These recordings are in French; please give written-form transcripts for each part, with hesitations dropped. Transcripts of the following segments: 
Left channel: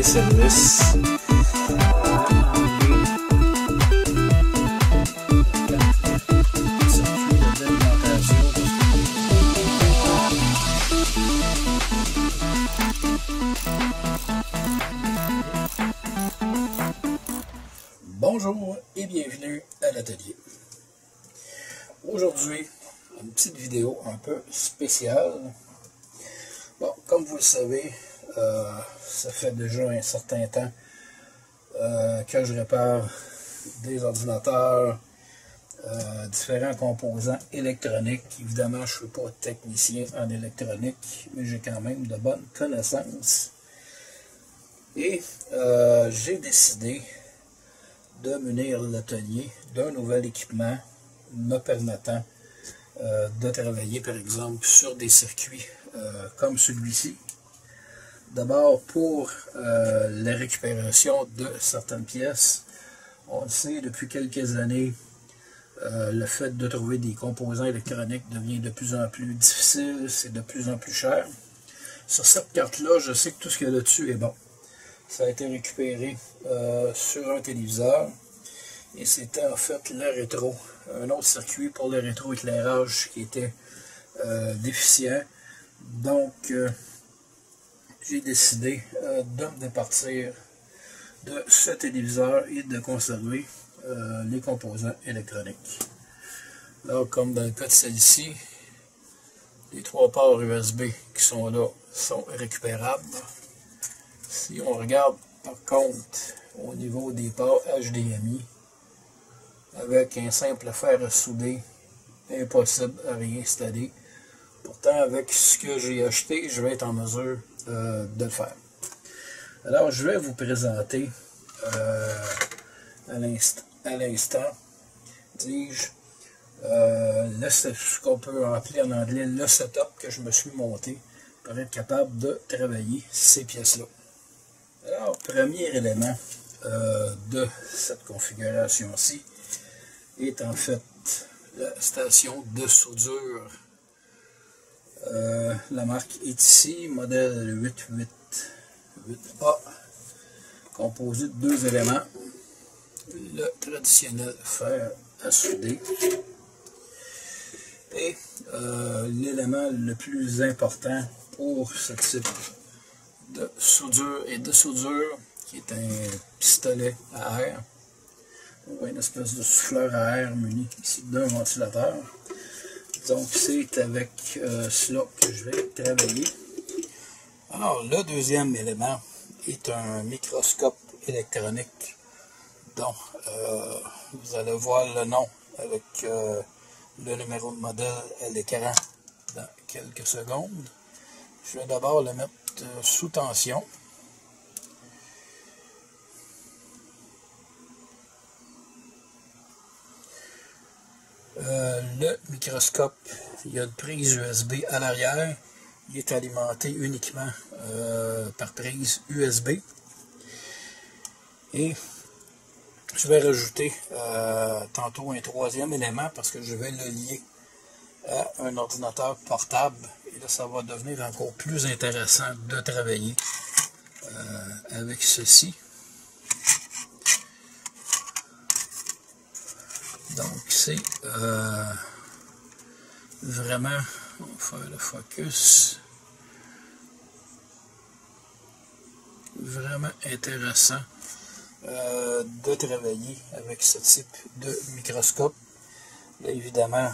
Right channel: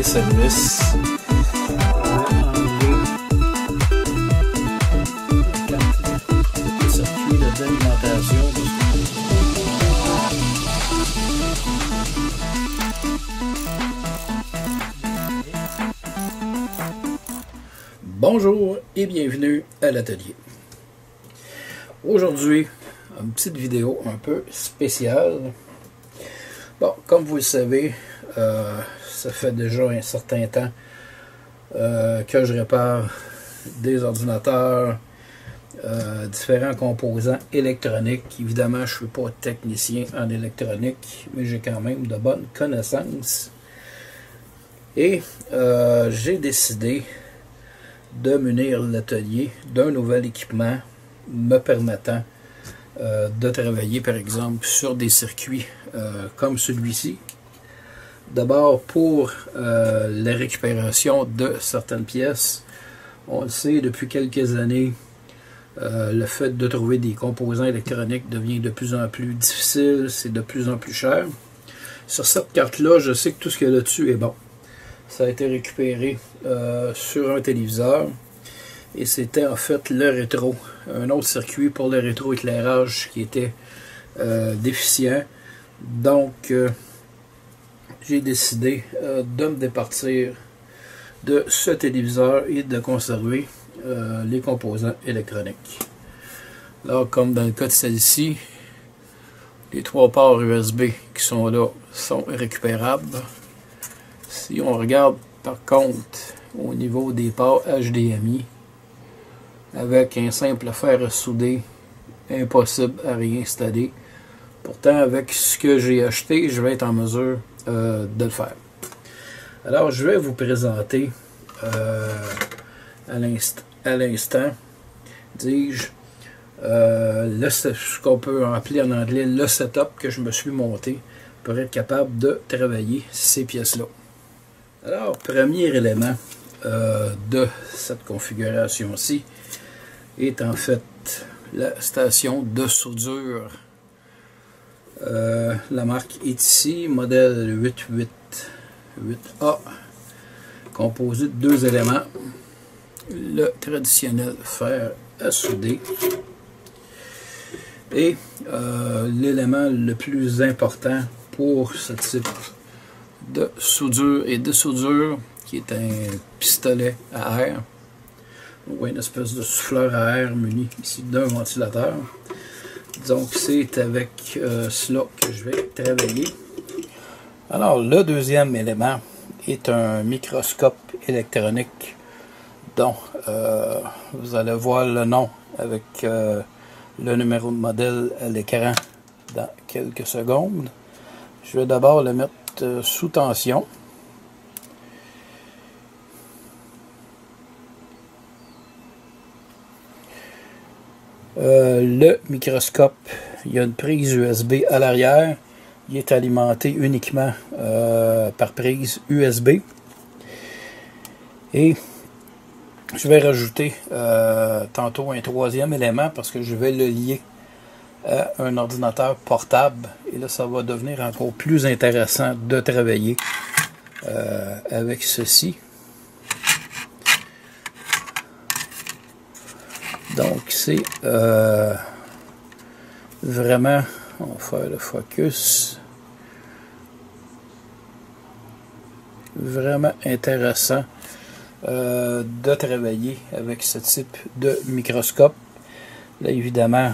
des services. Circuit d'alimentation. Bonjour et bienvenue à l'atelier. Aujourd'hui, une petite vidéo un peu spéciale. Bon, comme vous le savez, ça fait déjà un certain temps que je répare des ordinateurs, différents composants électroniques. Évidemment, je ne suis pas technicien en électronique, mais j'ai quand même de bonnes connaissances. Et j'ai décidé de munir l'atelier d'un nouvel équipement me permettant de travailler par exemple sur des circuits comme celui-ci. D'abord pour la récupération de certaines pièces. On le sait depuis quelques années, le fait de trouver des composants électroniques devient de plus en plus difficile, c'est de plus en plus cher. Sur cette carte-là, je sais que tout ce qu'il y a là-dessus est bon. Ça a été récupéré sur un téléviseur et c'était en fait le rétro, un autre circuit pour le rétroéclairage qui était déficient. Donc j'ai décidé de me départir de ce téléviseur et de conserver les composants électroniques. Là, comme dans le cas de celle-ci, les 3 ports USB qui sont là sont récupérables. Si on regarde par contre au niveau des ports HDMI, avec un simple fer à souder, impossible à réinstaller. Pourtant, avec ce que j'ai acheté, je vais être en mesure de le faire. Alors, je vais vous présenter à l'instant, dis-je, ce qu'on peut appeler en anglais le setup que je me suis monté pour être capable de travailler ces pièces-là. Alors, premier élément de cette configuration-ci est en fait la station de soudure. La marque est ici, modèle 888A, composé de 2 éléments. Le traditionnel fer à souder et l'élément le plus important pour ce type de soudure et de soudure, qui est un pistolet à air ou une espèce de souffleur à air muni ici d'un ventilateur. Donc c'est avec cela que je vais travailler. Alors le deuxième élément est un microscope électronique dont vous allez voir le nom avec le numéro de modèle à l'écran dans quelques secondes. Je vais d'abord le mettre sous tension. Le microscope, il y a une prise USB à l'arrière. Il est alimenté uniquement par prise USB. Et je vais rajouter tantôt un troisième élément parce que je vais le lier à un ordinateur portable. Et là, ça va devenir encore plus intéressant de travailler avec ceci. Donc, c'est vraiment, on va faire le focus, vraiment intéressant de travailler avec ce type de microscope. Là, évidemment,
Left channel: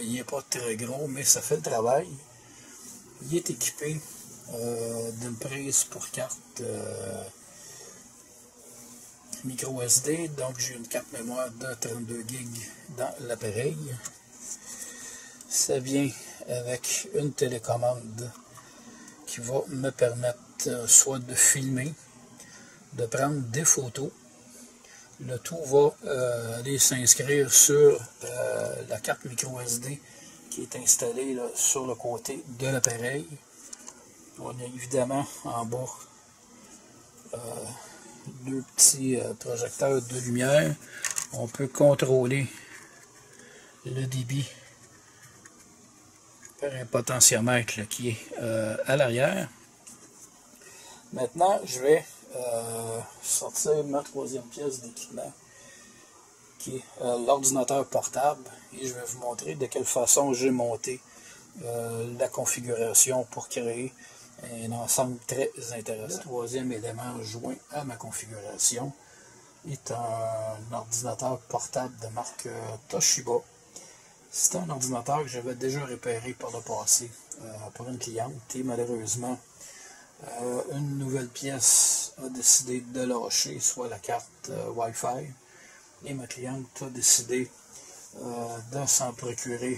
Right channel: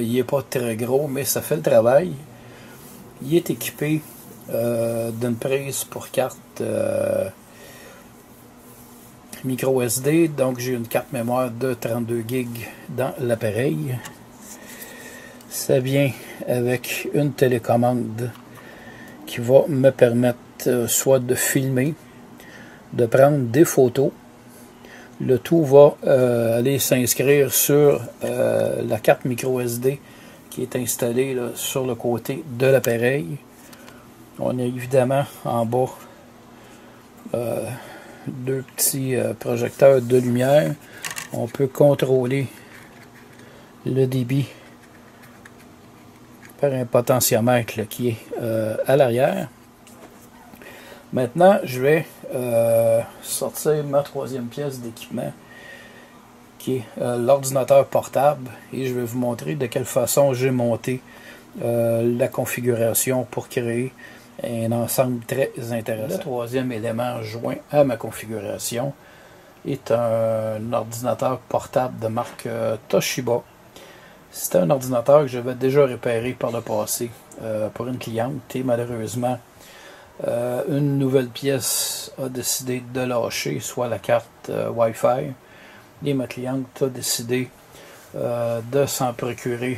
il n'est pas très gros, mais ça fait le travail. Il est équipé d'une prise pour carte micro SD, donc j'ai une carte mémoire de 32 GB dans l'appareil. Ça vient avec une télécommande qui va me permettre soit de filmer, de prendre des photos. Le tout va aller s'inscrire sur la carte micro SD qui est installée là, sur le côté de l'appareil. On a évidemment en bas 2 petits projecteurs de lumière. On peut contrôler le débit par un potentiomètre là, qui est à l'arrière. Maintenant, je vais sortir ma troisième pièce d'équipement, qui est l'ordinateur portable, et je vais vous montrer de quelle façon j'ai monté la configuration pour créer un ensemble très intéressant. Le troisième élément joint à ma configuration est un ordinateur portable de marque Toshiba. C'est un ordinateur que j'avais déjà réparé par le passé pour une cliente, et malheureusement une nouvelle pièce a décidé de lâcher, soit la carte Wi-Fi, et ma cliente a décidé de s'en procurer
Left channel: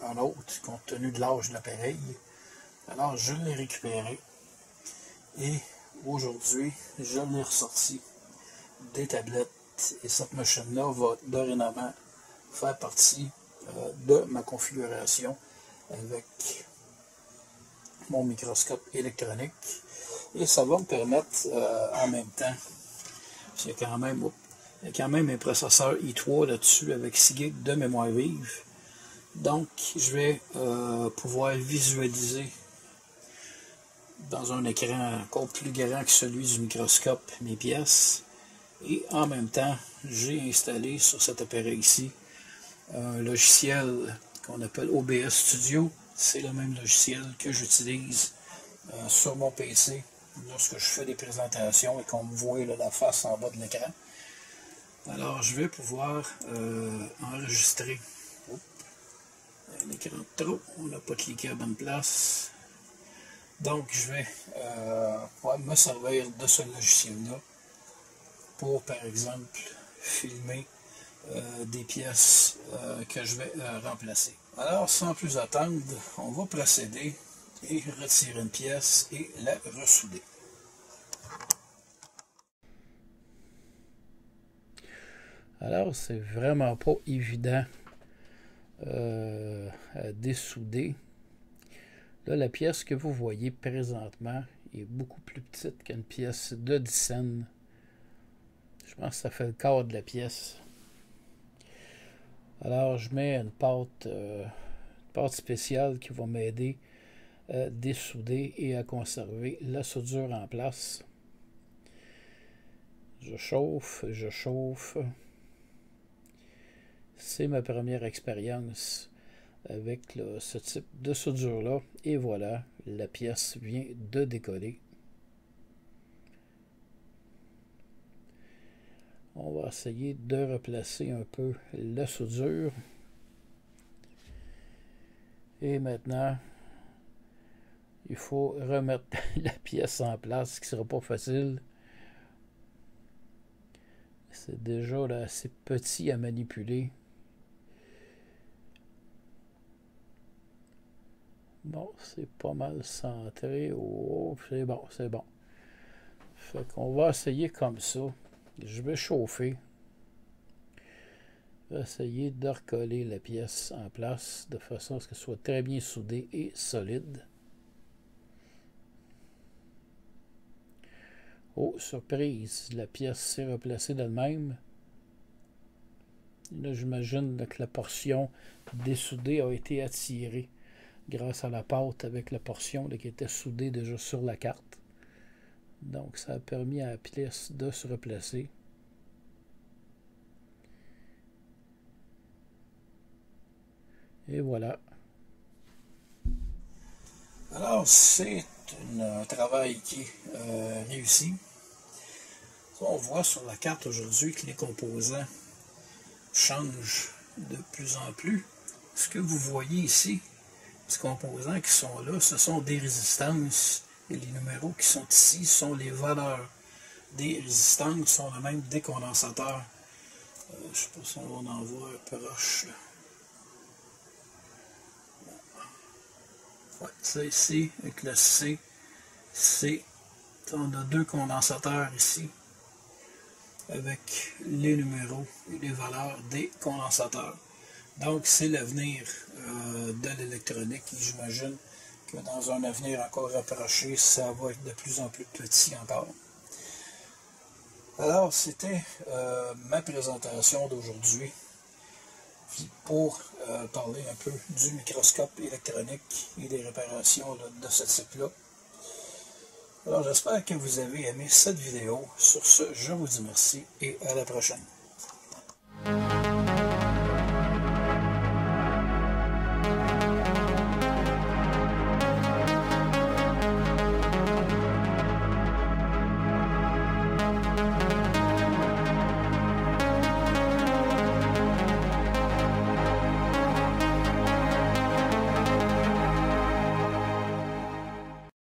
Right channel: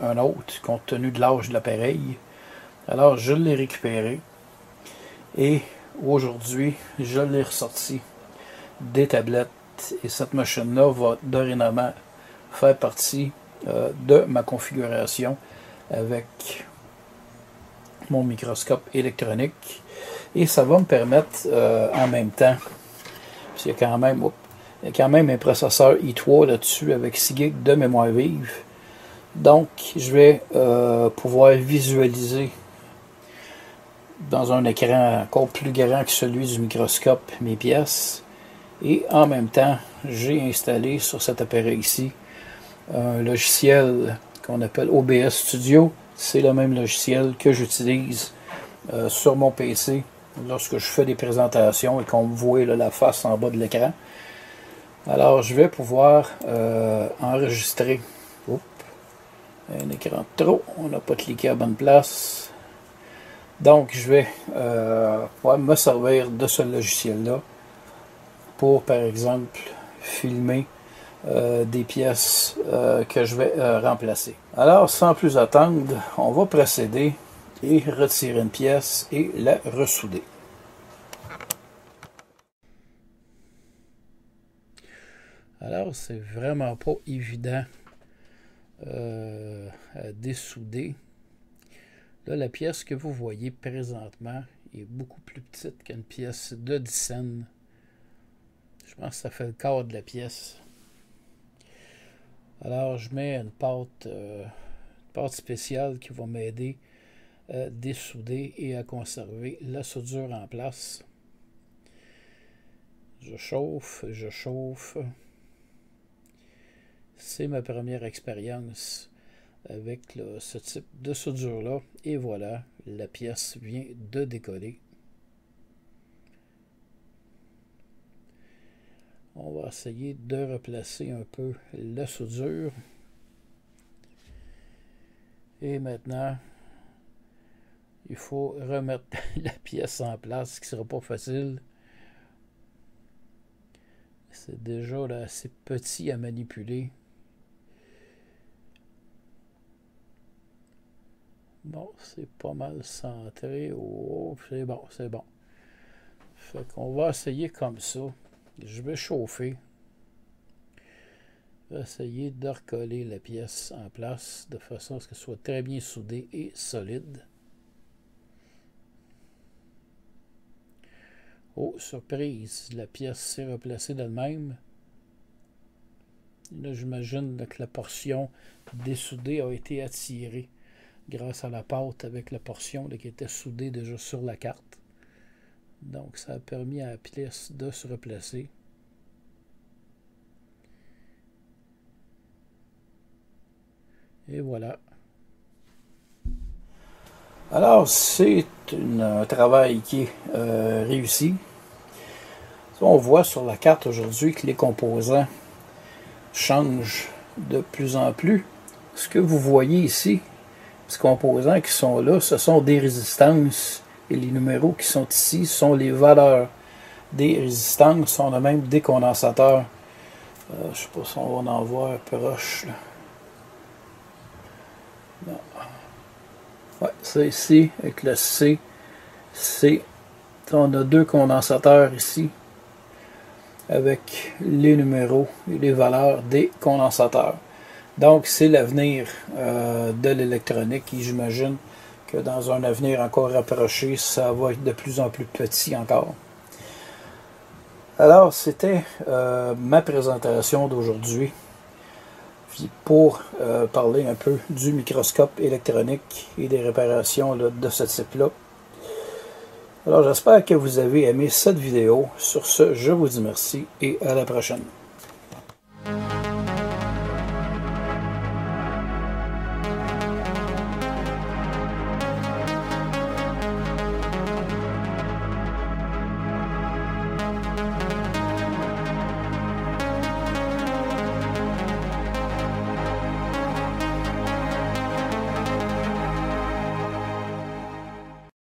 un autre compte tenu de l'âge de l'appareil. Alors je l'ai récupéré et aujourd'hui je l'ai ressorti des tablettes, et cette machine-là va dorénavant faire partie de ma configuration avec mon microscope électronique, et ça va me permettre en même temps, parce qu'il y a quand même un processeur i3 là-dessus avec 6 GB de mémoire vive, donc je vais pouvoir visualiser dans un écran encore plus grand que celui du microscope mes pièces, et en même temps j'ai installé sur cet appareil ici un logiciel qu'on appelle OBS Studio. C'est le même logiciel que j'utilise sur mon PC lorsque je fais des présentations et qu'on me voit là, la face en bas de l'écran. Alors je vais pouvoir enregistrer. Oups, un écran de trop, on n'a pas cliqué à la bonne place. Donc je vais me servir de ce logiciel-là pour, par exemple, filmer des pièces que je vais remplacer. Alors, sans plus attendre, on va procéder et retirer une pièce et la ressouder. Alors, c'est vraiment pas évident à dessouder. Là, la pièce que vous voyez présentement est beaucoup plus petite qu'une pièce de 10 cents. Je pense que ça fait le quart de la pièce. Alors, je mets une pâte spéciale qui va m'aider à dessouder et à conserver la soudure en place. Je chauffe, je chauffe. C'est ma première expérience avec ce type de soudure-là. Et voilà, la pièce vient de décoller. On va essayer de replacer un peu la soudure. Et maintenant, il faut remettre la pièce en place, ce qui ne sera pas facile. C'est déjà là, assez petit à manipuler. Bon, c'est pas mal centré. Oh, c'est bon, c'est bon. Fait qu'on va essayer comme ça. Je vais chauffer. Je vais essayer de recoller la pièce en place de façon à ce qu'elle soit très bien soudée et solide. Oh, surprise, la pièce s'est replacée d'elle-même. Là, j'imagine que la portion dessoudée a été attirée grâce à la pâte avec la portion là, qui était soudée déjà sur la carte. Donc, ça a permis à la pièce de se replacer. Et voilà. Alors, c'est un travail qui est réussi. On voit sur la carte aujourd'hui que les composants changent de plus en plus. Ce que vous voyez ici, ces composants qui sont là, ce sont des résistances. Et les numéros qui sont ici sont les valeurs des résistances. On a même des condensateurs. Je ne sais pas si on va en voir proche. Ouais, c'est ici, avec le C. On a deux condensateurs ici, avec les numéros et les valeurs des condensateurs. Donc, c'est l'avenir de l'électronique, et j'imagine que dans un avenir encore rapproché, ça va être de plus en plus petit encore. Alors, c'était ma présentation d'aujourd'hui pour parler un peu du microscope électronique et des réparations là, de ce type-là. Alors j'espère que vous avez aimé cette vidéo. Sur ce, je vous dis merci et à la prochaine.